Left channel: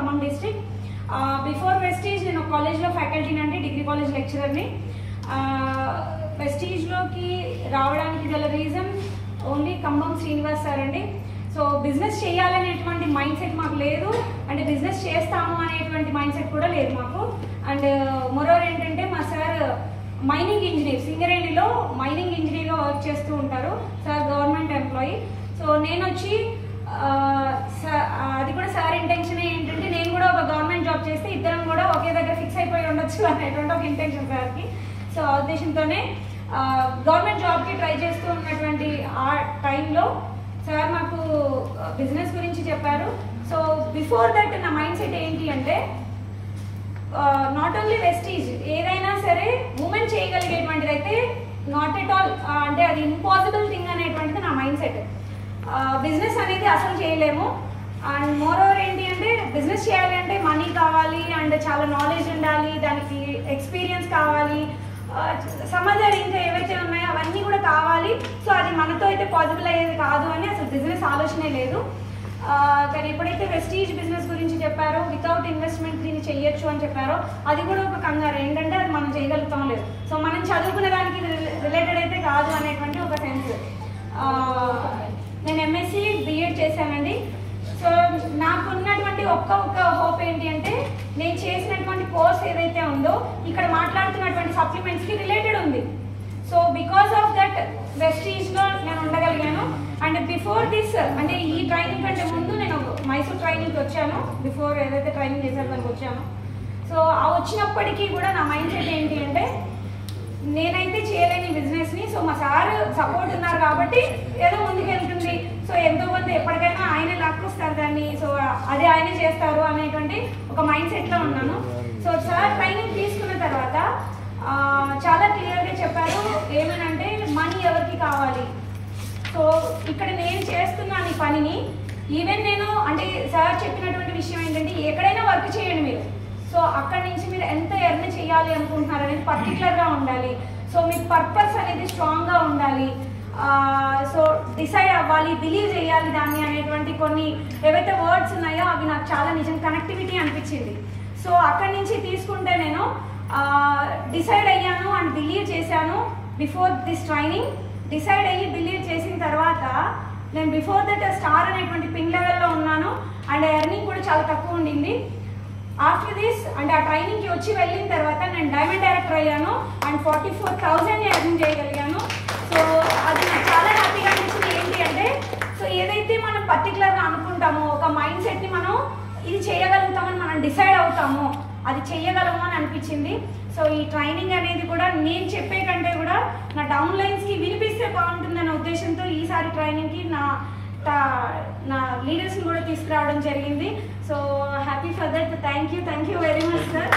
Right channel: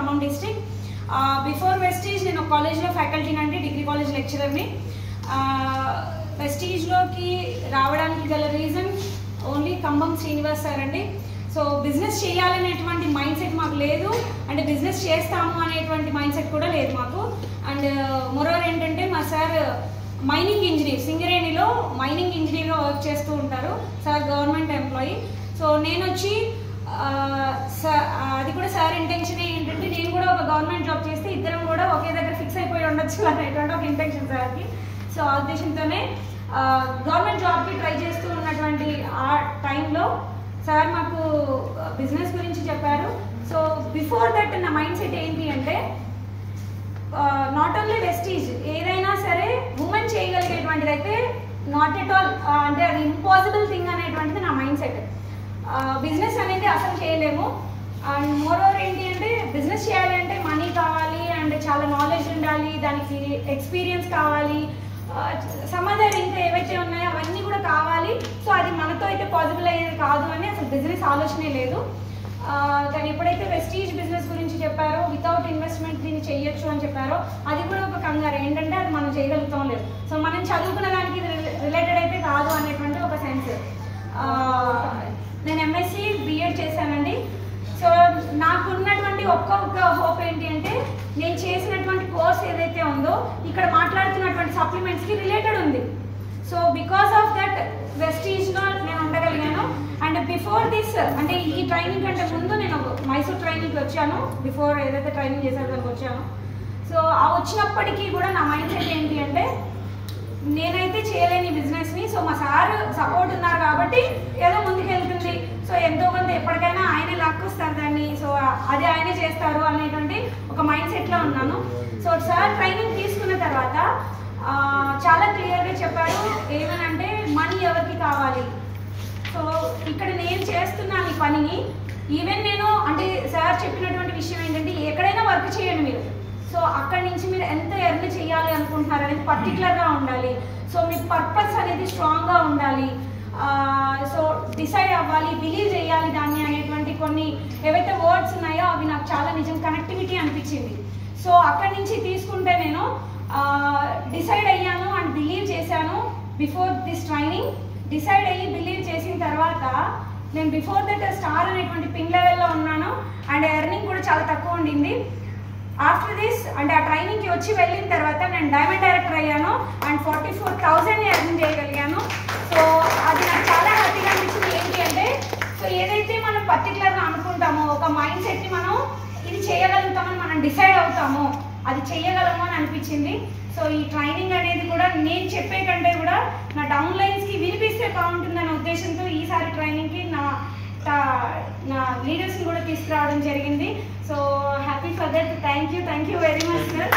Khammam district. Before Vestige నేను కాలేజ్లో ఫ్యాకల్టీని అంటే డిగ్రీ కాలేజ్ లెక్చరర్ని. వెస్టీజ్లోకి రావడానికి గల reason only Khammam Srinivas sir అండి. సో బిజినెస్ చేయాలనేటువంటి మైండ్ సెట్ మాకు లేదు, అంటే బిజినెస్ చేస్తాము అనేటువంటి మైండ్ సెట్ కూడా లేదు మాకు. అండ్ మోరోవర్ ఏంటంటే మా సార్ మైనింగ్ ఇంజనీర్, సింగరేణిలో మైనింగ్ ఇంజనీర్గా వర్క్ చేస్తూ ఉంటారు. Sir government employee. సో నేను వచ్చి అది కూడా సార్ ఇంటెన్షన్ ఏంటంటే నేను కూడా ఒక గవర్నమెంట్ జాబ్ చేస్తే ఇద్దరం కూడా ఒకే దగ్గర ఫిక్స్ అయిపోయి ఉండొచ్చు అనేటువంటి ఒక ఇంటెన్షన్ సార్కి. సో ఆ ఉద్దేశంతోనే గవర్నమెంట్ జాబ్కి ట్రై చేస్తూ ఉన్నటువంటి ఆ టైంలో సార్ మాకు బిజినెస్ గురించి చెప్పారు. సో బిఫోర్ దట్ నా మైండ్ సెట్ ఏంటి అంటే నాట్ ఓన్లీ వెస్టీజ్, ఏదైనా సరే ఉమెన్ చేయగలిగేటువంటిది అయితే నాట్ ఎట్ ఆల్, అంటే అది ఇంపాసిబుల్ థింగ్ అనేటువంటిది నా మైండ్ సెట్. బిజినెస్ అనేది అసలు చేయలేము. అండ్ మోర్ ఓవర్ ఏంటి అంటే బిజినెస్ చేయాలి అంటే మనీ కావాలి, అండ్ చాలా నాలెడ్జ్ ఉండాలి, దానికి ఎక్స్పీరియన్స్ కావాలి, సమాజాలు ఇంకా ఏవైతే ఉన్నాయో అవన్నీ కూడా కావాలి. సో అది మనతో అయితే పాసిబుల్ అయ్యేది కాదు అని అసలు బిజినెస్ ఆలోచనే లేదు. కానీ ఎప్పుడైతే వెస్టీజ్ బిజినెస్ గురించి చెప్పారో, వితౌట్ ఇన్వెస్ట్మెంట్ దీన్ని చెయ్యొచ్చు అని చెప్పారో, అది కూడా ఒక కంగారు ఏంటంటే అది మనం చేయగలుగుతాం లేదు. సో మనం చదువుకునే దానికి రిలేటెడ్ అయితే కాదు అనేటువంటి ఒక సెన్స్. నేను ఎంఎస్సి బిఎడ్ చేశానండి. సో నాకున్నటువంటి ఒక్క హోప్ ఏంటి అంటే నేను చేసినటువంటి కోర్స్ ఏదైతే ఉందో ఇక్కడ మాట్లాడుతున్నటువంటి సప్లిమెంట్స్కి రిలేటెడ్ ఉంది. సో బికాస్ ఆఫ్ దట్ వెస్టీజ్లో నేను ఉండగలిగాను. అండ్ బిఫోర్ దిస్, అంటే ఈ ట్రైనింగ్ కంటే ముందు నేను మైసూర్ ట్రైనింగ్కి వచ్చాను. బిఫోర్ ఏదైతే ట్రైనింగ్ చేశారో దానికి వచ్చాను. సో ఆ వచ్చినప్పటికీ కూడా నా మైండ్ సెట్ ఏంటి అంటే నేనైతే చేయలేని బిజినెస్ని, సో మా సార్ సపోర్ట్ ఉన్నారు కాబట్టి ఏదో ముందుకు వెళ్తుంది. సో ఎంతో కొంత ఎప్పటికైనా ఆయనే లాక్కొస్తారు దాన్ని, సో అది ఆయనే చేస్తారు అనేటువంటి ఒక మైండ్ సెట్లో ఉన్నాను. సో సార్ ట్రైనింగ్ తీసుకున్న తర్వాత చాలా క్లియర్గా చెప్పారు ఏమనంటే మనీ ఎవరికి కావాలి. సో ఇక్కడ నేను చేస్తున్నాను ఈ పనిని, ఈవెన్ నేను అంటే సార్ చెప్పినటువంటి విషయం ఏంటంటే ఎక్కడైనా వర్క్ చేయండి మీరు, సో అక్కడి నుంచి మీరు ఎంత ఎర్న్ చేయాలి అనుకుంటున్నారు అనేది పర్టికులర్గా ఉండాలి. సో మీ పర్పస్ అనేది స్ట్రాంగ్గా ఉండాలి. సో డిసైడ్ అవ్వాలి, బిలీవ్ చేయాలి దాన్ని అనేటువంటి కొన్ని ఏవైతే వర్డ్స్ ఉన్నాయో అవి నాకు చాలా నిజం కనెక్టివిటీ అనిపించింది. సో అక్కడి నుంచి తీసుకుంటే నేను డిసైడ్ అయ్యాను అండ్ బిలీవ్ చేశాను. బిఫోర్ దిస్ ట్రైనింగ్ డిసైడ్ అయ్యి బిలీవ్ చేసిన తర్వాత నేను బిఫోర్ దట్ స్టార్ అనేటువంటి పింగ్ లెవెల్లో ఉన్నాను. అండ్ ఎర్నింగ్ కూడా చాలా తక్కువ ఉండింది. ఆఫ్టర్ దిస్ అంటే ఆ ట్రైనింగ్కి వచ్చి వెళ్ళిన తర్వాత నేను డైమండ్ డైరెక్టర్ అయ్యాను అండ్ 44,000 ఎర్న్ చేయగలిగాను. సో అది నాకు చాలా హ్యాపీగా అనిపించింది. ఏంటి అంటే సో ఏదైతే మనం పర్టికులర్గా అనుకుంటామో ఒక మైండ్ సెట్ని మనం ఇది చేయగలుగుతామని మనం డిసైడ్ అవుతామో అది చేయగలము అని అనిపించింది. సో ఈ ట్రైనింగ్ అనేది కూడా నేను చెప్పే కంటే కూడా నా డౌన్ లైన్స్కి వినిపిస్తే బాగుంటుందన్న ఉద్దేశంతో ఈసారి ట్రైనింగ్కి నా లీడర్స్ని కూడా తీసుకురావడం జరిగింది. So happy for that. Thank you very much sir.